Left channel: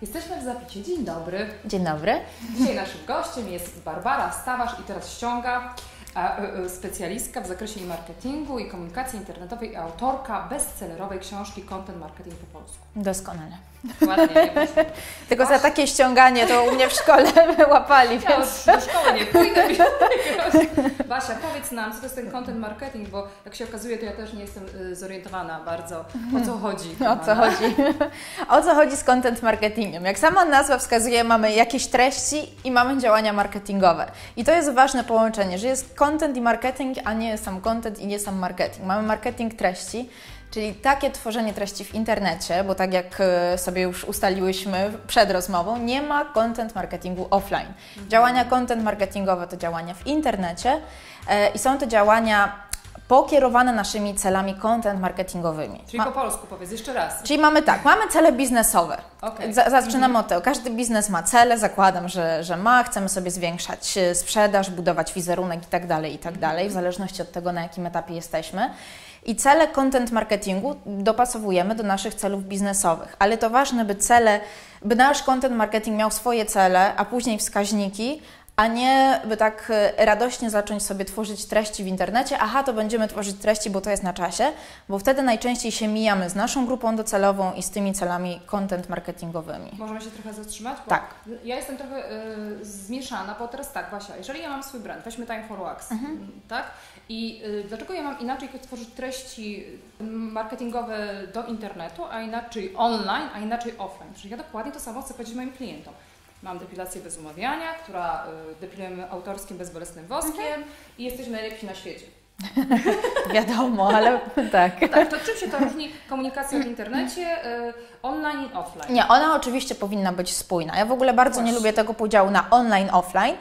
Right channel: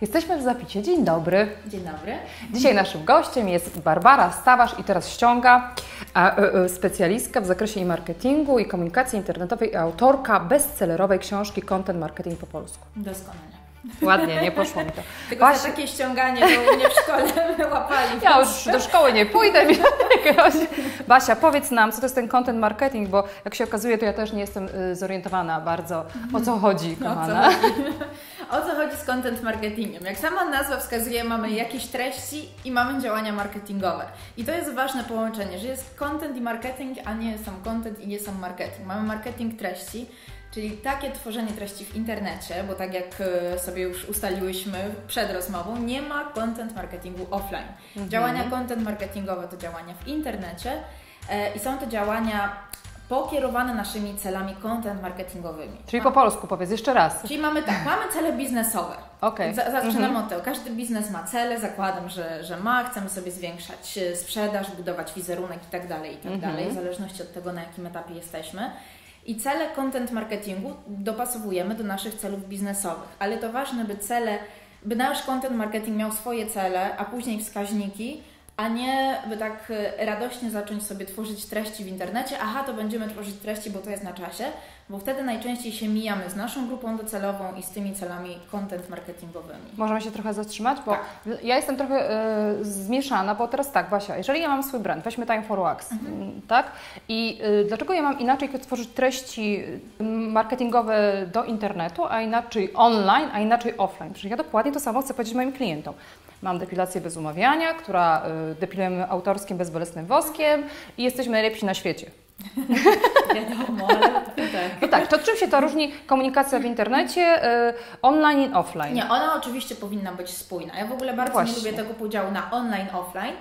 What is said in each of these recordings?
Jesteśmy w Zapicie. Dzień dobry. Dzień dobry. Dzisiaj naszym gościem jest Barbara Stawarz i teraz ściąga, specjalistka w zakresie marketingu i komunikacji internetowej i autorka bestsellerowej książki Content Marketing po polsku. Doskonale. Ładnie, nie poszło mi to. Tylko za takie ściąganie to u mnie w szkole łapali. Ja już do szkoły nie pójdę. Basia, powiedz nam, co to jest ten content marketing, bo jak się okazuje, to ja też nie jestem zorientowana bardzo, o co chodzi. O co chodzi z content marketingiem? Jak sama nazwa wskazuje, mamy jakieś treści i mamy działania marketingowe. I to jest ważne połączenie, że jest content i marketing, a nie sam content i nie sam marketing. Mamy marketing treści, czyli takie tworzenie treści w internecie, bo tak jak sobie już ustaliłyśmy przed rozmową, nie ma content marketingu offline. Działania content marketingowe to działania w internecie i są to działania pokierowane naszymi celami content marketingowymi. Czyli po polsku powiedz jeszcze raz. Czyli mamy tak, mamy cele biznesowe. Okay. Zaczynamy od tego. Każdy biznes ma cele, zakładam, że ma. Chcemy sobie zwiększać sprzedaż, budować wizerunek i tak dalej, w zależności od tego, na jakim etapie jesteśmy. I cele content marketingu dopasowujemy do naszych celów biznesowych. Ale to ważne, by nasz content marketing miał swoje cele, a później wskaźniki, a nie by tak radośnie zacząć sobie tworzyć treści w internecie. Aha, to będziemy tworzyć treści, bo to jest na czasie, bo wtedy najczęściej się mijamy z naszą grupą docelową i z tymi celami content marketingowymi. Możemy się trochę zatrzymać? Bo tak. Ja jestem trochę zmieszana, bo teraz tak, Basia, jeżeli ja mam swój brand, weźmy Time for Wax, tak? I dlaczego ja mam inaczej tworzyć treści marketingowe do internetu, a inaczej online, a inaczej offline? Przecież ja dokładnie to samo chcę powiedzieć moim klientom. Mam depilację bez umawiania, która depilujemy autorskim, bezbolesnym woskiem i jesteśmy najlepsi na świecie. Wiadomo, ale tak. Tak, to czym się to różni komunikacja w internecie, online i offline? Nie, ona oczywiście powinna być spójna. Ja w ogóle bardzo nie lubię tego podziału na online, offline.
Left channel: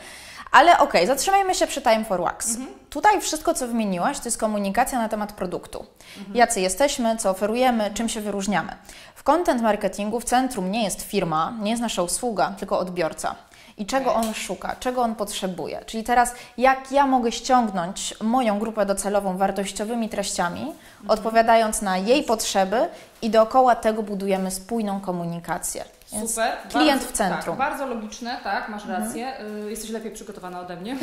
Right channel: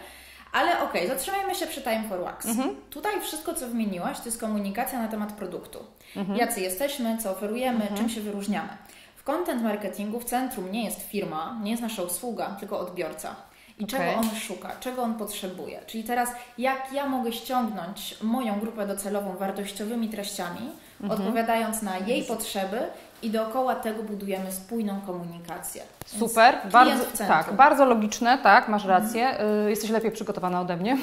Ale okej, zatrzymajmy się przy Time for Wax. Tutaj wszystko, co wymieniłaś, to jest komunikacja na temat produktu. Jacy jesteśmy, co oferujemy, czym się wyróżniamy. W content marketingu w centrum nie jest firma, nie jest nasza usługa, tylko odbiorca. I czego on szuka, czego on potrzebuje. Czyli teraz, jak ja mogę ściągnąć moją grupę docelową wartościowymi treściami, odpowiadając na jej potrzeby i dookoła tego budujemy spójną komunikację. Więc super, klient w centrum. Tak, bardzo logiczne, tak, masz rację. Jesteś lepiej przygotowana ode mnie.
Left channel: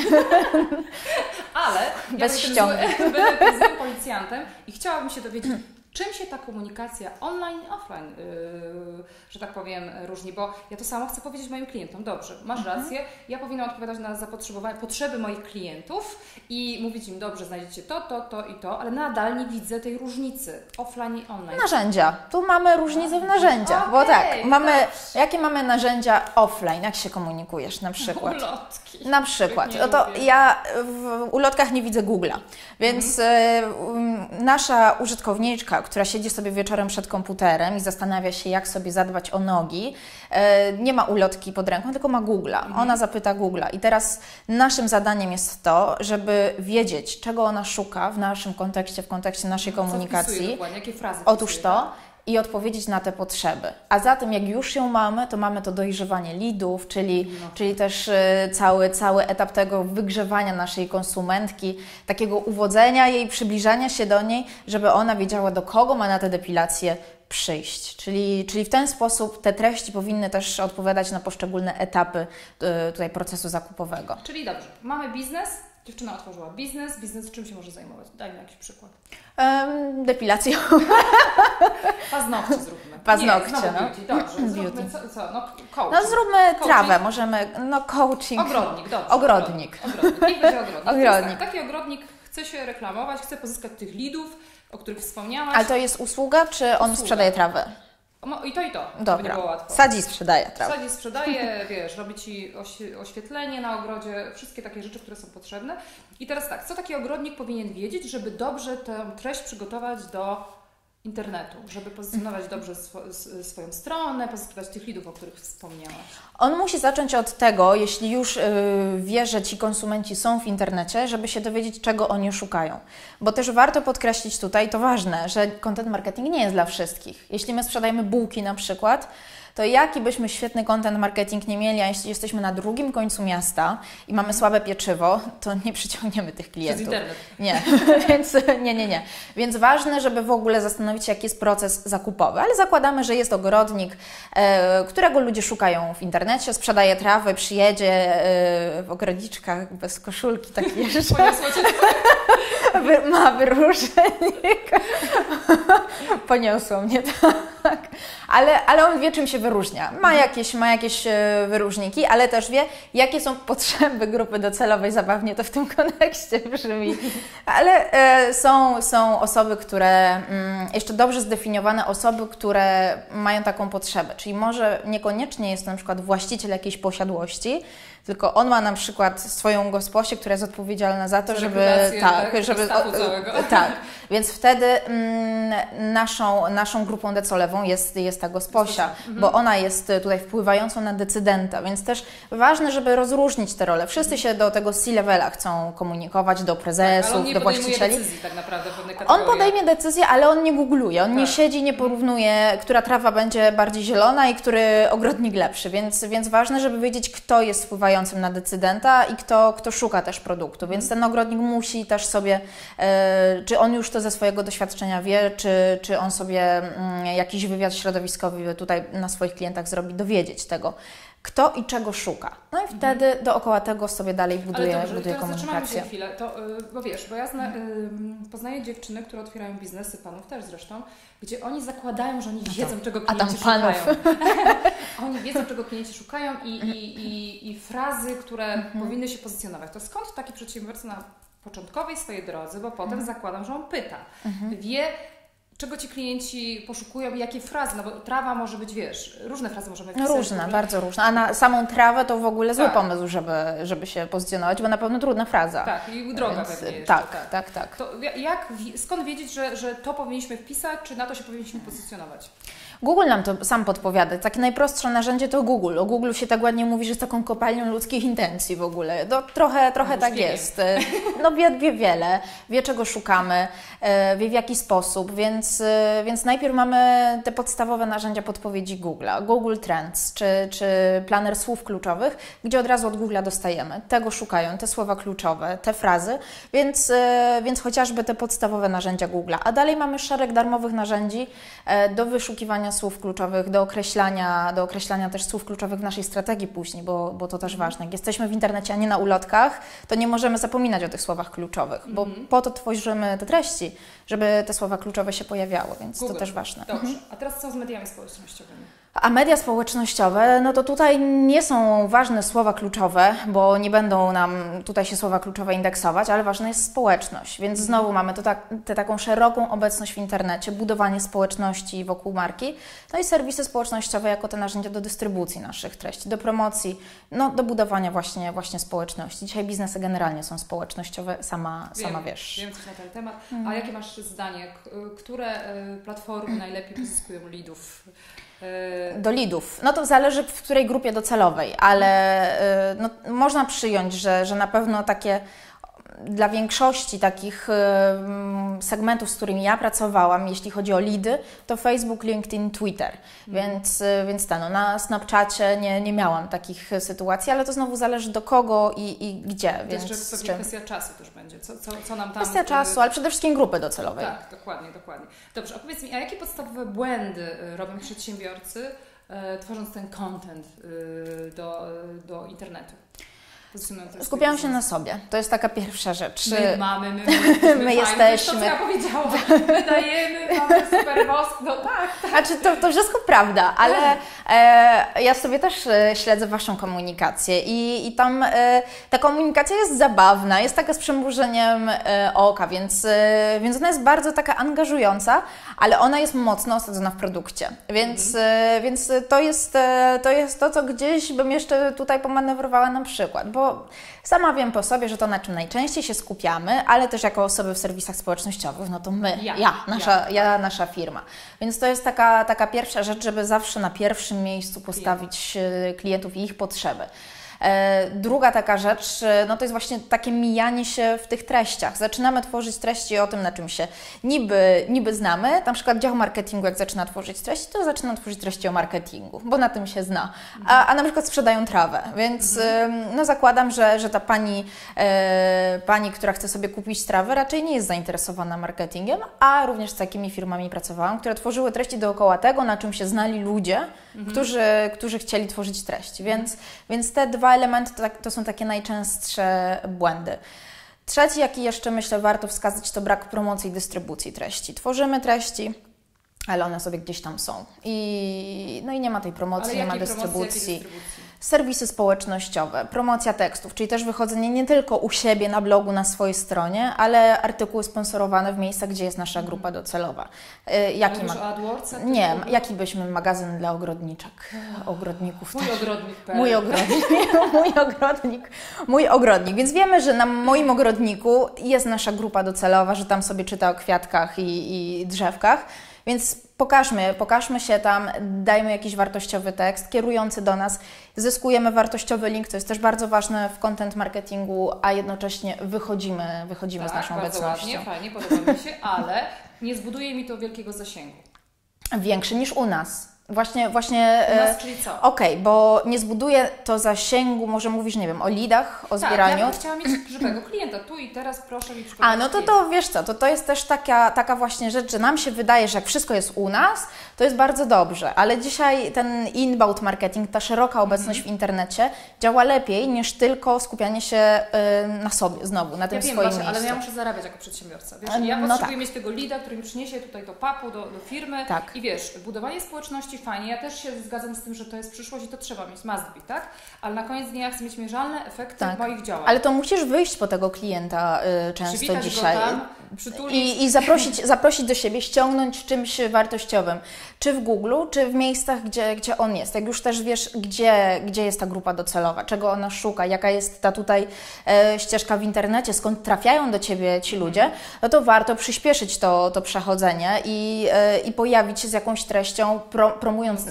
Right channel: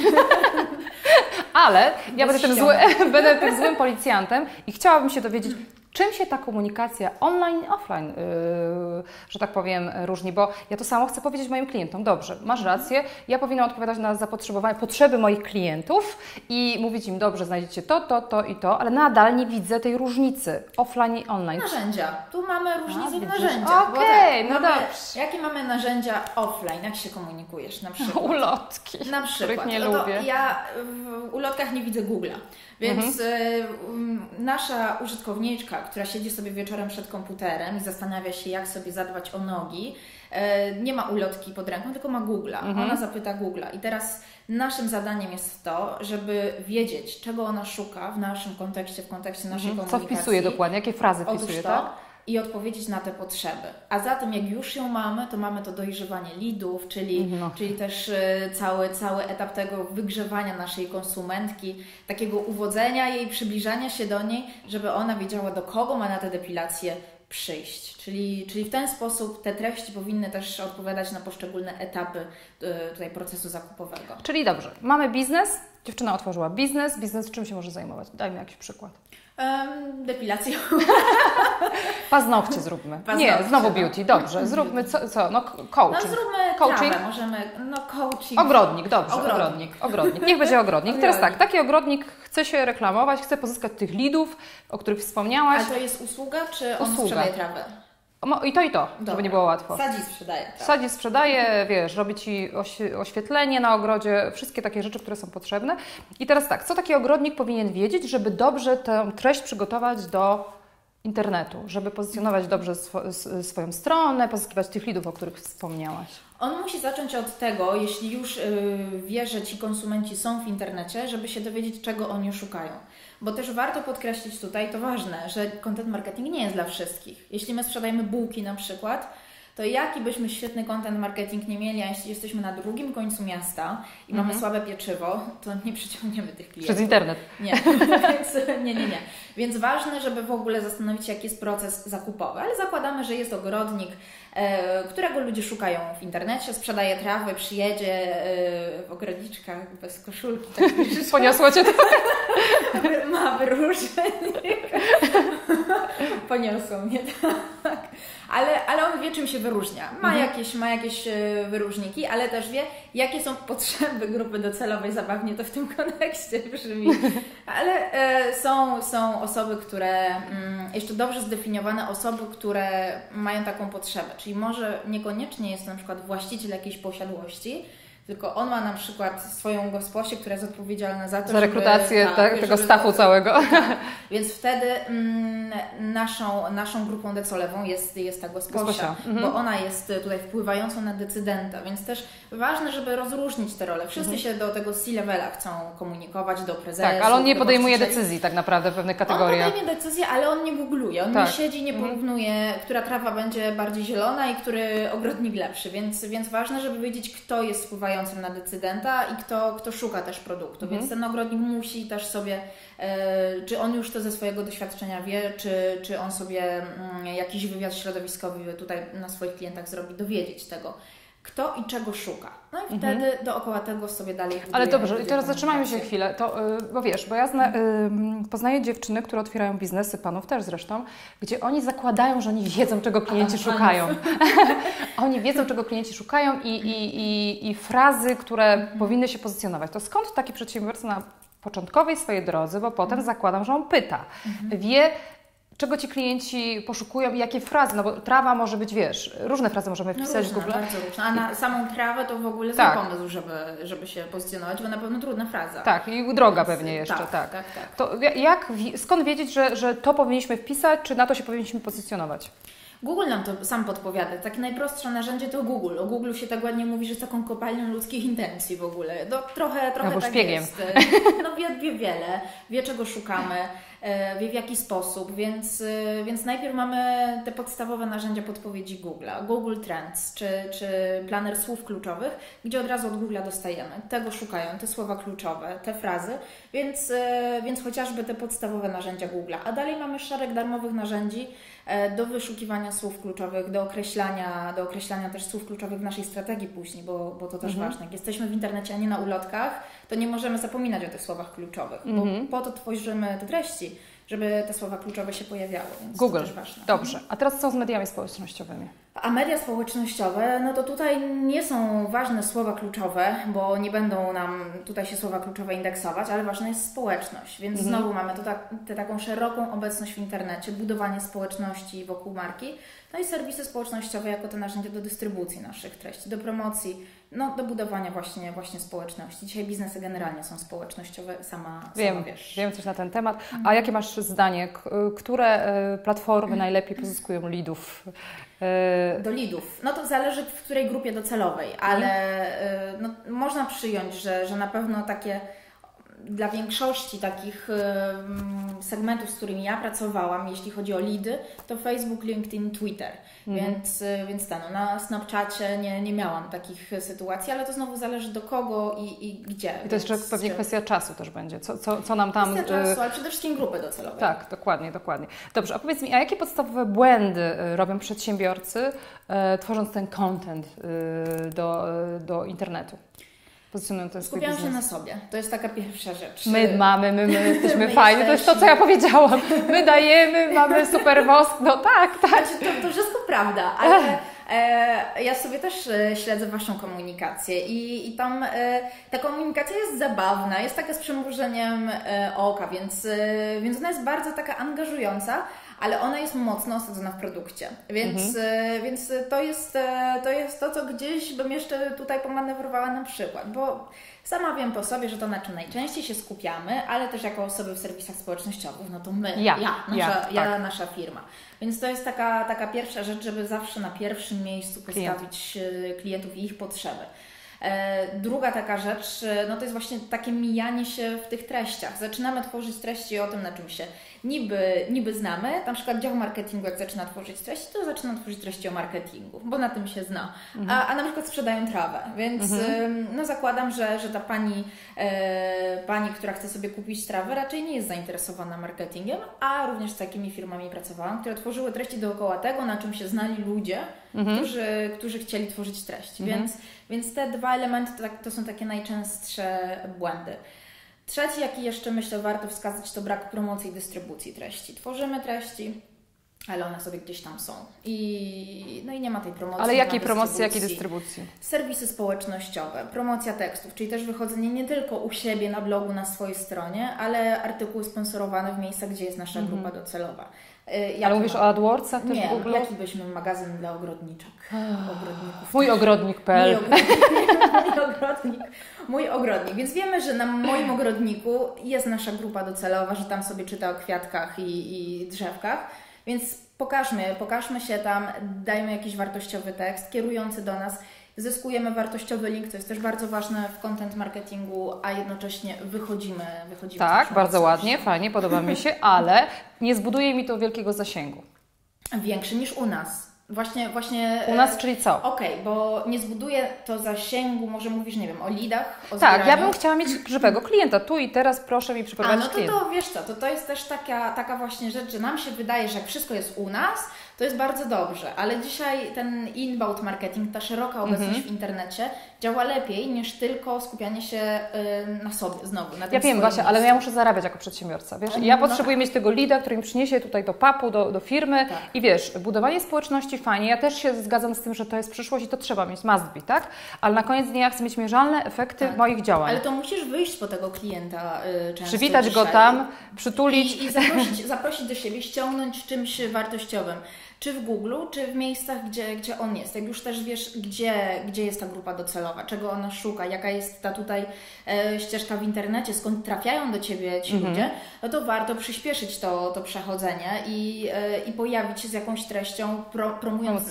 Ale ja będę tym złym policjantem i chciałabym się dowiedzieć, czym się ta komunikacja online i offline, że tak powiem, różni? Bo ja to samo chcę powiedzieć moim klientom. Dobrze, masz rację, ja powinnam odpowiadać na zapotrzebowanie, potrzeby moich klientów i mówić im, dobrze, znajdziecie to i to, ale nadal nie widzę tej różnicy offline i online. Narzędzia. Tu mamy różnicę w narzędziach. Bo tak, jakie mamy narzędzia offline? Jak się komunikujesz na przykład? Ulotki. Na przykład. Ja w ulotkach nie widzę Google'a, więc nasza użytkowniczka, która siedzi sobie wieczorem przed komputerem i zastanawia się, jak sobie zadbać o nogi, nie ma ulotki pod ręką, tylko ma Google'a. Ona zapyta Google'a. I teraz naszym zadaniem jest to, żeby wiedzieć, czego ona szuka w naszym kontekście, w kontekście naszej komunikacji. Co wpisuje dokładnie? Jakie frazy wpisuje? Otóż to. I odpowiedzieć na te potrzeby. A zatem jak już ją mamy, to mamy to dojrzewanie leadów, czyli też cały etap tego wygrzewania naszej konsumentki, takiego uwodzenia jej, przybliżania się do niej, żeby ona wiedziała, do kogo ma na tę depilację przyjść. Czyli w ten sposób te treści powinny też odpowiadać na poszczególne etapy tutaj procesu zakupowego. Czyli dobrze, mamy biznes, dziewczyna otworzyła biznes czym się może zajmować? Daj mi jakiś przykład. Depilacją. Paznokcie zróbmy. Paznokcie, nie, znowu beauty, dobrze. Zróbmy co? No coaching. No zróbmy trawę, możemy, coaching. Ogrodnik, dobrze. Ogrodnik. Niech będzie ogrodnik. Teraz tak, taki ogrodnik chce się reklamować, chce pozyskać tych leadów, o których wspomniałaś. Ale to jest usługa, czy on sprzedaje trawę? I to, żeby nie było łatwo. Sadzi sprzedaje trawę. Sadzi sprzedaje, wiesz, robi Ci oświetlenie na ogrodzie, wszystkie takie rzeczy, które są potrzebne. I teraz tak, co taki ogrodnik powinien wiedzieć, żeby dobrze tę treść przygotować do internetu, żeby pozycjonować dobrze swoją stronę, pozyskiwać tych leadów, o których wspomniałaś? On musi zacząć od tego, jeśli już wie, że ci konsumenci są w internecie, żeby się dowiedzieć, czego oni szukają. Bo też warto podkreślić tutaj, to ważne, że content marketing nie jest dla wszystkich. Jeśli my sprzedajemy bułki na przykład, to jaki byśmy świetny content marketing nie mieli, a jeśli jesteśmy na drugim końcu miasta i mamy słabe pieczywo, to nie przyciągniemy tych klientów. Przez internet. Nie, więc nie. Więc ważne, żeby w ogóle zastanowić się, jaki jest proces zakupowy, ale zakładamy, że jest ogrodnik, którego ludzie szukają w internecie, sprzedaje trawę, przyjedzie w ogrodniczkach bez koszulki, taki jeszcze. Poniosło Cię to? Ma wyróżnik. Poniosło mnie, tak. Ale on wie, czym się wyróżnia. Ma jakieś wyróżniki, ale też wie, jakie są potrzeby grupy docelowej. Zabawnie to w tym kontekście brzmi. Ale są osoby, które, jeszcze dobrze zdefiniowane osoby, które mają taką potrzebę. Czyli może niekoniecznie jest na przykład właściciel jakiejś posiadłości, tylko on ma na przykład swoją gosposię, która jest odpowiedzialna za to, żeby tego stafu całego. Tak, więc wtedy naszą grupą docelową jest ta gosposia, bo ona jest tutaj wpływającą na decydenta, więc też ważne, żeby rozróżnić te role. Wszyscy się do tego C-levela chcą komunikować, do prezesów, tak, ale on nie podejmuje właścicieli. Decyzji tak naprawdę w pewnych kategoriach. On podejmie decyzję, ale on nie googluje, on nie siedzi, nie porównuje, która trawa będzie bardziej zielona i który ogrodnik lepszy, więc ważne, żeby wiedzieć, kto jest wpływający na decydenta i kto szuka też produktu, więc ten ogrodnik musi też sobie, czy on już to ze swojego doświadczenia wie, czy on sobie jakiś wywiad środowiskowy tutaj na swoich klientach zrobi, dowiedzieć tego, kto i czego szuka. No i wtedy dookoła tego sobie dalej buduje. Ale dobrze, i teraz zatrzymamy się chwilę, bo wiesz, bo ja poznaję dziewczyny, które otwierają biznesy, panów też zresztą, gdzie oni zakładają, że oni wiedzą, czego klienci szukają. Oni wiedzą, czego klienci szukają i frazy, które powinny się pozycjonować. To skąd taki przedsiębiorca na początkowej swojej drodze, bo potem zakładam, że on pyta, wie, czego ci klienci poszukują i jakie frazy, no bo trawa może być, wiesz, różne frazy możemy wpisać. Różne, bardzo różne. A na samą trawę to w ogóle zły pomysł, żeby się pozycjonować, bo na pewno trudna fraza. Tak, i droga pewnie jeszcze. Tak. To skąd wiedzieć, że to powinniśmy wpisać, czy na to się powinniśmy pozycjonować? Google nam to sam podpowiada. Takie najprostsze narzędzie to Google. O Google się tak ładnie mówi, że jest taką kopalnią ludzkich intencji w ogóle. Trochę tak jest. No wie wiele, wie czego szukamy, wie w jaki sposób, więc najpierw mamy te podstawowe narzędzia podpowiedzi Google'a. Google Trends, czy planer słów kluczowych, gdzie od razu od Google'a dostajemy. Tego szukają, te słowa kluczowe, te frazy, więc chociażby te podstawowe narzędzia Google'a. A dalej mamy szereg darmowych narzędzi do wyszukiwania słów kluczowych, do określania też słów kluczowych w naszej strategii później, bo to też ważne. Jak jesteśmy w internecie, a nie na ulotkach, to nie możemy zapominać o tych słowach kluczowych, bo po to tworzymy te treści, żeby te słowa kluczowe się pojawiały, więc Google. To też ważne. Dobrze. A teraz co z mediami społecznościowymi? A media społecznościowe, no to tutaj nie są ważne słowa kluczowe, bo nie będą nam tutaj się słowa kluczowe indeksować, ale ważna jest społeczność, więc znowu mamy taką szeroką obecność w internecie, budowanie społeczności wokół marki, no i serwisy społecznościowe jako te narzędzia do dystrybucji naszych treści, do promocji, no do budowania właśnie społeczności. Dzisiaj biznesy generalnie są społecznościowe, sama wiesz. Wiem coś na ten temat. A jakie masz zdanie? Które platformy najlepiej pozyskują leadów? Do leadów. No to zależy w której grupie docelowej, ale no, można przyjąć, że na pewno takie dla większości takich segmentów, z którymi ja pracowałam, jeśli chodzi o leady, to Facebook, LinkedIn, Twitter. Więc na Snapchacie nie miałam takich sytuacji, ale to znowu zależy do kogo i gdzie. To jest pewnie kwestia czasu też będzie. Co nam tam... Kwestia czasu, ale przede wszystkim grupy docelowej. Tak, dokładnie. Dobrze, a powiedz mi, a jakie podstawowe błędy robią przedsiębiorcy, tworząc ten content do internetu? Skupiają się na sobie. To jest taka pierwsza rzecz. My fajnie. To jest to, co ja powiedziałam. My dajemy, mamy super wosk. No tak. Znaczy, to wszystko prawda, ale ja sobie też śledzę Waszą komunikację i tam ta komunikacja jest zabawna, jest taka z przymrużeniem oka, więc ona jest bardzo taka angażująca, ale ona jest mocno osadzona w produkcie. Więc to jest to, co gdzieś bym jeszcze tutaj pomanewrowała na przykład, bo sama wiem po sobie, że to, na czym najczęściej się skupiamy, ale też jako osoby w serwisach społecznościowych, no to my, nasza firma. Więc to jest taka pierwsza rzecz, żeby zawsze na pierwszym miejscu postawić klientów i ich potrzeby. Druga taka rzecz, no to jest właśnie takie mijanie się w tych treściach. Zaczynamy tworzyć treści o tym, na czym się niby znamy. Na przykład dział marketingu, jak zaczyna tworzyć treści, to zaczyna tworzyć treści o marketingu, bo na tym się zna. A na przykład sprzedają trawę, więc no zakładam, że ta pani, która chce sobie kupić trawę, raczej nie jest zainteresowana marketingiem, a również z takimi firmami pracowałam, które tworzyły treści dookoła tego, na czym się znali ludzie, którzy chcieli tworzyć treści. Więc te dwa elementy to są takie najczęstsze błędy. Trzeci, jaki jeszcze myślę warto wskazać, to brak promocji i dystrybucji treści. Tworzymy treści, ale one sobie gdzieś tam są. I nie ma tej promocji. Ale jakiej promocji, jakiej dystrybucji? Serwisy społecznościowe, promocja tekstów, czyli też wychodzenie nie tylko u siebie na blogu, na swojej stronie, ale artykuły sponsorowane w miejscach, gdzie jest nasza grupa docelowa. Ale mówisz o AdWordsach? Nie, jaki byśmy magazyn dla ogrodniczek, ogrodników. Mój ogrodnik.pl. Mój ogrodnik. Więc wiemy, że na moim ogrodniku jest nasza grupa docelowa, że tam sobie czyta o kwiatkach i drzewkach. Więc pokażmy się tam, dajmy jakiś wartościowy tekst kierujący do nas, zyskujemy wartościowy link, to jest też bardzo ważne w content marketingu, a jednocześnie wychodzimy z naszą Tak, bardzo obecnością. ładnie, fajnie, podoba mi się, ale nie zbuduje mi to wielkiego zasięgu. Większy niż u nas. Właśnie u nas, czyli co? Okej, bo nie zbuduje to zasięgu, może mówisz, nie wiem, o leadach, o zbieraniu. Tak, ja bym chciała mieć żywego klienta, tu i teraz proszę mi przyprowadzić klienta. To wiesz co, to jest też taka właśnie rzecz, że nam się wydaje, że jak wszystko jest u nas, to jest bardzo dobrze, ale dzisiaj ten inbound marketing, ta szeroka obecność w internecie działa lepiej niż tylko skupianie się na sobie znowu, na tym swoim miejscu. Ale ja muszę zarabiać jako przedsiębiorca, wiesz? Ja potrzebuję mieć tego leada, który mi przyniesie tutaj do papu, do firmy i wiesz, budowanie społeczności fajnie, ja też się zgadzam z tym, że to jest przyszłość i to trzeba mieć, must be, tak? Ale na koniec dnia chcę mieć mierzalne efekty moich działań. Ale to musisz wyjść po tego klienta często przywitać dzisiaj. go tam, przytulić. I zaprosić do siebie, ściągnąć czymś wartościowym. Czy w Google, czy w miejscach, gdzie on jest. Jak już też wiesz, gdzie jest ta grupa docelowa, czego ona szuka, jaka jest ta tutaj ścieżka w internecie, skąd trafiają do Ciebie ci ludzie, no to warto przyspieszyć to przechodzenie i pojawić się z jakąś treścią, promując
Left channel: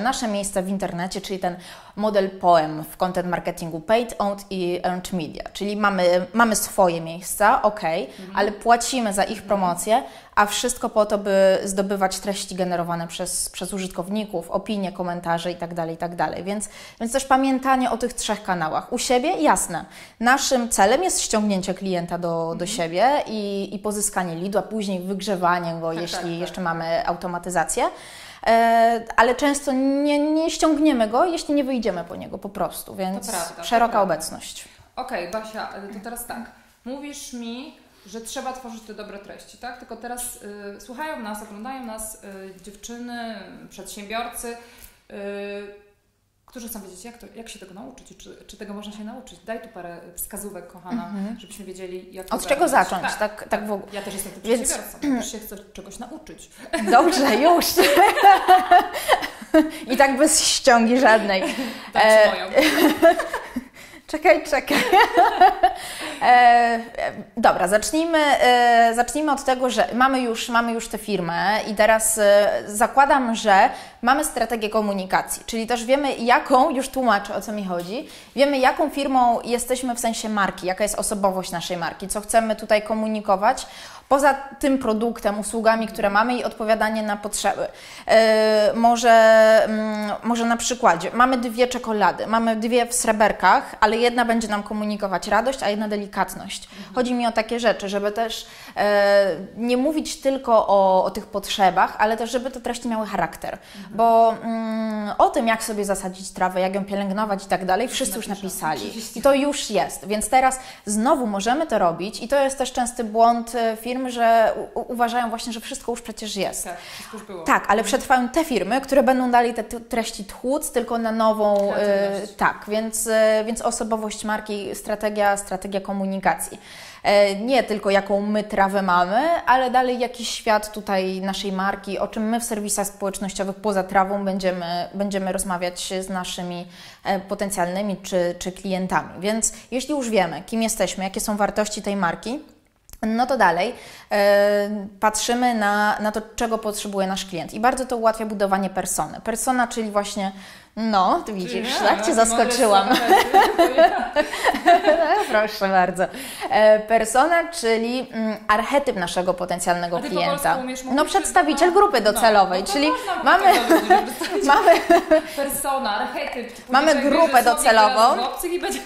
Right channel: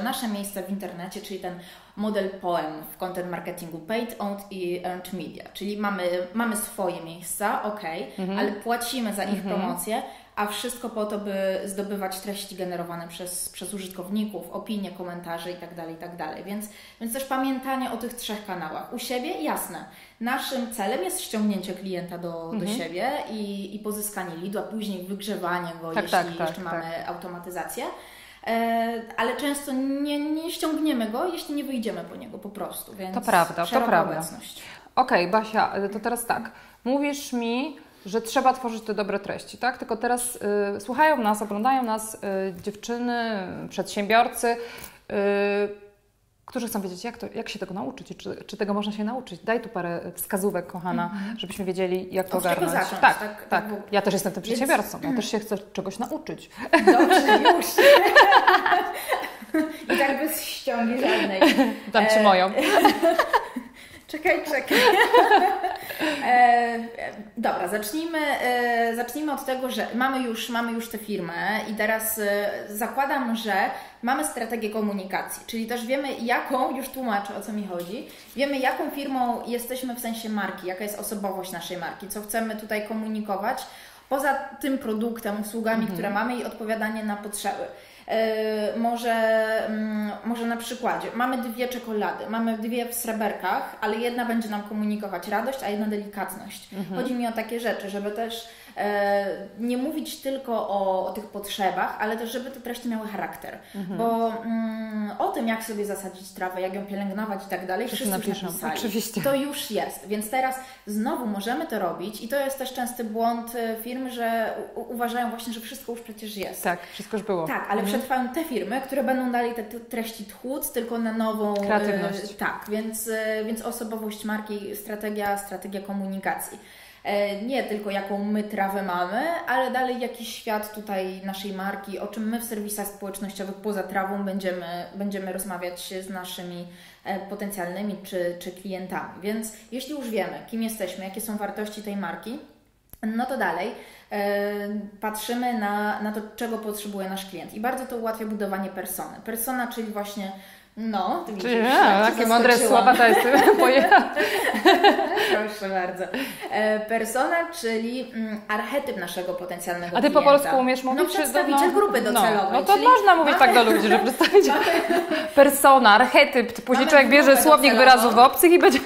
nasze miejsce w internecie, czyli ten model POEM w content marketingu, paid, owned i earned media, czyli mamy swoje miejsca, ale płacimy za ich promocję, a wszystko po to, by zdobywać treści generowane przez użytkowników, opinie, komentarze itd. Więc też pamiętanie o tych 3 kanałach. U siebie, jasne, naszym celem jest ściągnięcie klienta do siebie i pozyskanie leadu, a później wygrzewanie go, jeśli jeszcze mamy automatyzację. Ale często nie ściągniemy go, jeśli nie wyjdziemy po niego po prostu, więc szeroka obecność. Okej, Basia, to teraz tak, mówisz mi, że trzeba tworzyć te dobre treści, tak? Tylko teraz słuchają nas, oglądają nas dziewczyny, przedsiębiorcy, którzy chcą wiedzieć, jak się tego nauczyć, czy tego można się nauczyć. Daj tu parę wskazówek, kochana, żebyśmy wiedzieli, jak to od czego zacząć. Tak. Ja też jestem tym przedsiębiorcą, ja też się chcę czegoś nauczyć. Dobrze, już. I tak bez ściągi żadnej. Dam Ci moją. Czekaj. Dobra, zacznijmy od tego, że mamy już tę firmę i teraz zakładam, że mamy strategię komunikacji, czyli też wiemy już tłumaczę, o co mi chodzi, wiemy jaką firmą jesteśmy w sensie marki, jaka jest osobowość naszej marki, co chcemy tutaj komunikować, poza tym produktem, usługami, które mamy i odpowiadanie na potrzeby. Może na przykładzie, mamy 2 czekolady, mamy 2 w sreberkach, ale jedna będzie nam komunikować radość, a jedna delikatność. Chodzi mi o takie rzeczy, żeby też nie mówić tylko o tych potrzebach, ale też, żeby te treści miały charakter. Bo o tym, jak sobie zasadzić trawę, jak ją pielęgnować i tak dalej, wszyscy już napisali. Oczywiście. To już jest. Więc teraz znowu możemy to robić i to jest też częsty błąd firm, że uważają właśnie, że wszystko już przecież jest. Tak, wszystko już było. Tak, ale przetrwają te firmy, które będą dalej te treści tłuc, tylko na nową kreatywność. Tak, więc osobowość marki, strategia komunikacji. Nie tylko jaką my trawę mamy, ale dalej jakiś świat tutaj naszej marki, o czym my w serwisach społecznościowych poza trawą będziemy rozmawiać z naszymi potencjalnymi czy klientami. Więc jeśli już wiemy, kim jesteśmy, jakie są wartości tej marki, no to dalej patrzymy na to, czego potrzebuje nasz klient. I bardzo to ułatwia budowanie persony. Persona, czyli właśnie No, ty widzisz, jak Cię zaskoczyłam. Proszę bardzo. Persona, czyli archetyp naszego potencjalnego klienta. A Ty po polsku umiesz mówić? No, przedstawiciel grupy docelowej. No to czyli można mówić tak do ludzi, że przedstawiciel. Persona, archetyp, policzek bierze słownik wyrazów obcych i będzie...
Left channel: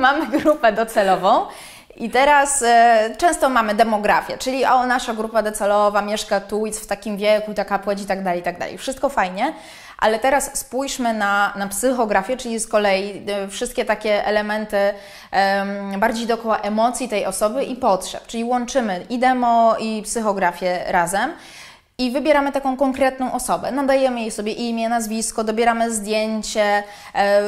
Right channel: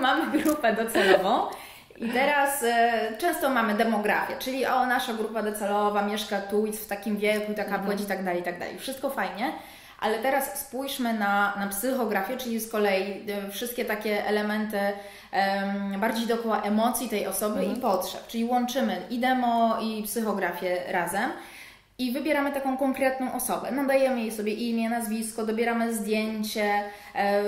Mamy grupę docelową. I teraz często mamy demografię, czyli nasza grupa docelowa mieszka tu, jest w takim wieku, taka płeć i tak dalej, i tak dalej. Wszystko fajnie, ale teraz spójrzmy na psychografię, czyli z kolei wszystkie takie elementy bardziej dookoła emocji tej osoby i potrzeb, czyli łączymy i demo, i psychografię razem. I wybieramy taką konkretną osobę, nadajemy jej sobie imię, nazwisko, dobieramy zdjęcie,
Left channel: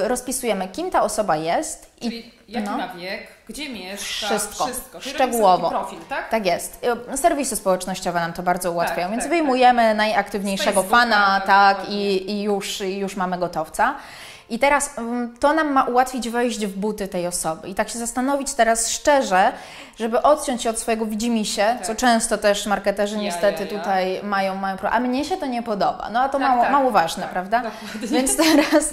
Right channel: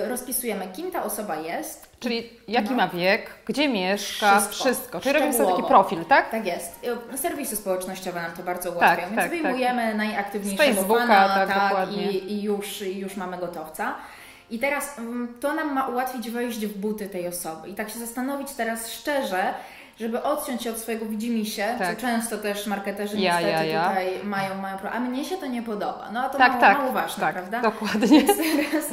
rozpisujemy, kim ta osoba jest. Czyli jaki ma wiek, gdzie mieszka, wszystko. Czyli robimy szczegółowo. taki profil, tak? Tak jest. Serwisy społecznościowe nam to bardzo ułatwiają, tak, więc tak, najaktywniejszego najaktywniejszego fana, tak, i już mamy gotowca. I teraz to nam ma ułatwić wejść w buty tej osoby i tak się zastanowić teraz szczerze, żeby odciąć się od swojego widzimisię, co często też marketerzy niestety tutaj mają problem. A mnie się to nie podoba. No a to mało ważne, prawda? Dokładnie. Więc teraz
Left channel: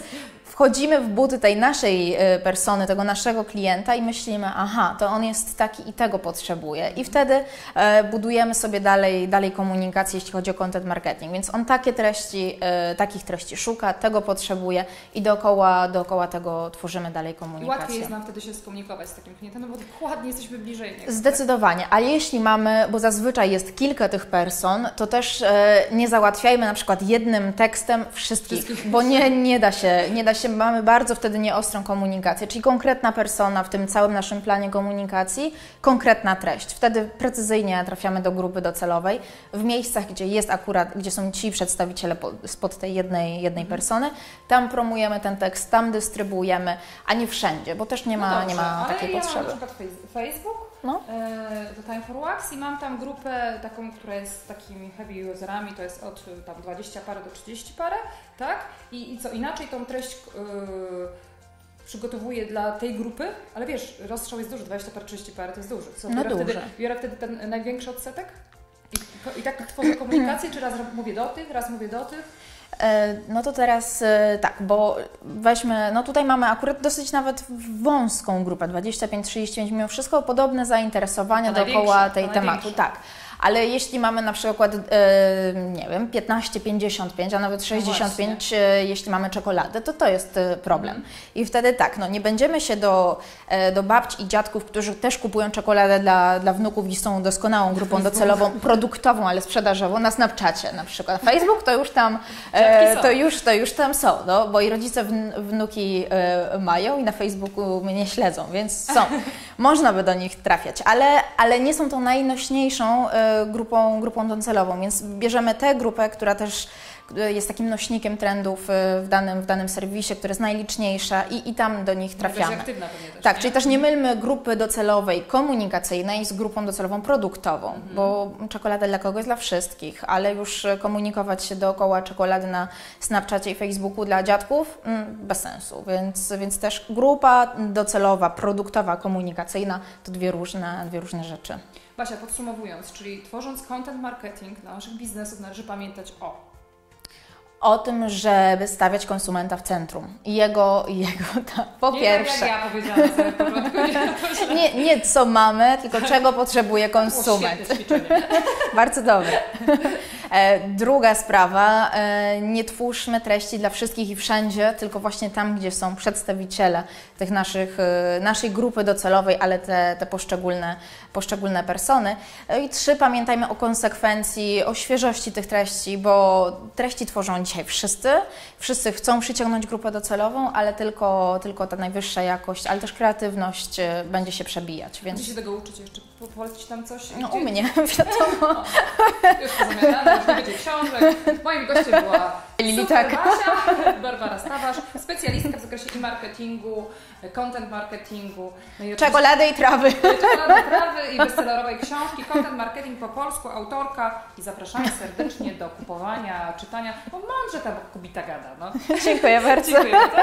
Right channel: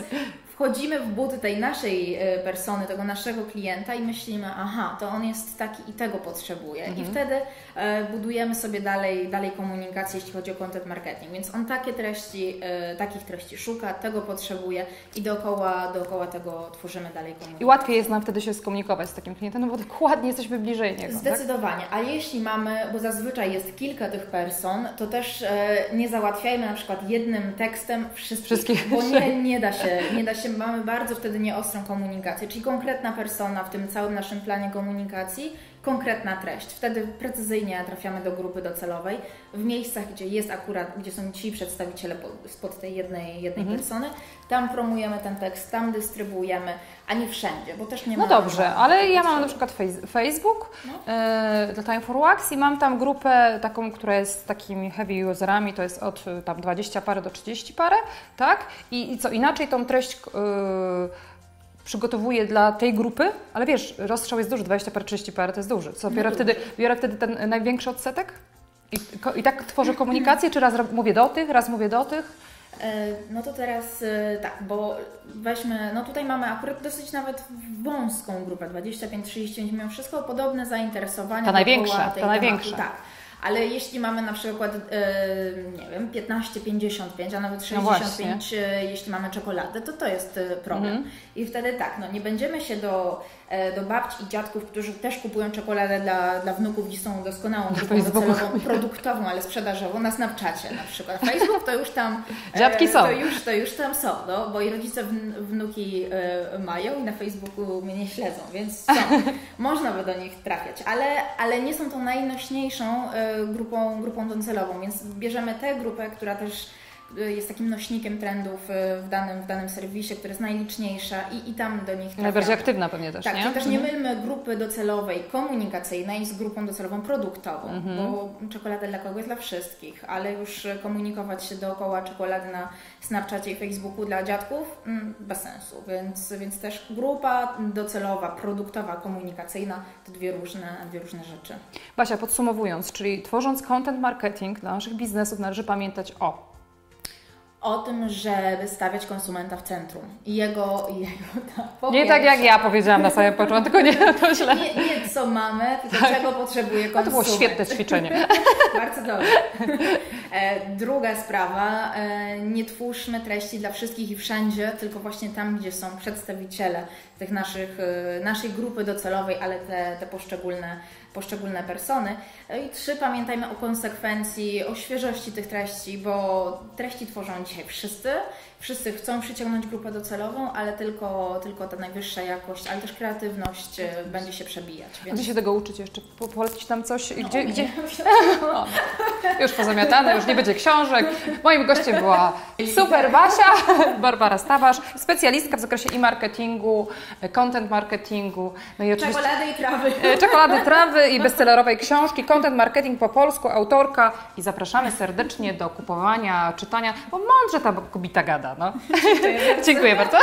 wchodzimy w buty tej naszej persony, tego naszego klienta i myślimy, aha, to on jest taki i tego potrzebuje. I wtedy budujemy sobie dalej komunikację, jeśli chodzi o content marketing. Więc on takich treści szuka, tego potrzebuje i dookoła tego tworzymy dalej komunikację. I łatwiej jest nam wtedy się skomunikować z takim klientem, no bo dokładnie jesteśmy bliżej niego. Zdecydowanie, ale jeśli mamy, bo zazwyczaj jest kilka tych person, to też nie załatwiajmy na przykład jednym tekstem wszystkich. Bo nie da się, mamy bardzo wtedy nieostrą komunikację, czyli konkretna persona w tym całym naszym planie komunikacji, konkretna treść. Wtedy precyzyjnie trafiamy do grupy docelowej, w miejscach, gdzie są ci przedstawiciele spod tej jednej persony, tam promujemy ten tekst, tam dystrybuujemy, a nie wszędzie, bo też nie ma. No dobrze, ale ja potrzeby. mam na przykład Facebook dla Time for Wax i mam tam grupę taką, która jest z takimi heavy userami, to jest od tam 20 parę do 30 parę, tak? I co inaczej tą treść przygotowuję dla tej grupy, ale wiesz, rozstrzał jest duży, 20 parę, 30 parę to jest duży. Co, biorę wtedy ten największy odsetek? I tak tworzę komunikację, czy raz mówię do tych, raz mówię do tych? No to teraz tak, bo weźmy, no tutaj mamy akurat dosyć nawet wąską grupę, 25-35, mimo wszystko podobne zainteresowania dookoła tej tematu. Tak. Ale jeśli mamy na przykład, nie wiem, 15-55, a nawet 65, jeśli mamy czekoladę, to jest problem. I wtedy tak, no nie będziemy się do babci i dziadków, którzy też kupują czekoladę dla wnuków i są doskonałą grupą docelową, produktową, ale sprzedażową, na Snapchacie na przykład. Facebook to już tam to już tam są, no, bo i rodzice wnuki mają i na Facebooku mnie śledzą, więc są. Można by do nich trafiać, ale nie są to najnośniejszą grupą docelową, więc bierzemy tę grupę, która też jest takim nośnikiem trendów w danym serwisie, która jest najliczniejsza i tam do nich trafiamy. Najbardziej aktywna pewnie też, tak, nie? czyli też nie mylmy grupy docelowej komunikacyjnej z grupą docelową produktową, bo czekolada dla kogoś, dla wszystkich, ale już komunikować się dookoła czekolady na Snapchacie i Facebooku dla dziadków bez sensu, więc też grupa docelowa, produktowa, komunikacyjna to dwie różne rzeczy. Basia, podsumowując, czyli tworząc content marketing dla naszych biznesów należy pamiętać o tym, żeby stawiać konsumenta w centrum i jego po nie pierwsze, tak jak ja powiedziałam na samym początku, nie co mamy, tylko czego potrzebuje konsument. To było świetne ćwiczenie. Bardzo dobre. Druga sprawa, nie twórzmy treści dla wszystkich i wszędzie, tylko właśnie tam, gdzie są przedstawiciele tych naszej grupy docelowej, ale te poszczególne persony. I 3, pamiętajmy o konsekwencji, o świeżości tych treści, bo treści tworzą dzisiaj wszyscy chcą przyciągnąć grupę docelową, ale tylko ta najwyższa jakość, ale też kreatywność będzie się przebijać. Więc... Gdzie się tego uczyć jeszcze? Polecić tam coś? No, gdzie? Już pozamiatane, już nie będzie książek. Moim gościem była super Basia, Barbara Stawarz, specjalistka w zakresie e-marketingu, content marketingu. No i czekolady i trawy. Czekolady, trawy i bestsellerowej książki, content marketing po polsku, autorka. I zapraszamy serdecznie do kupowania, czytania, bo mądrze ta kobieta gada. No. Dziękuję bardzo. Dziękuję bardzo.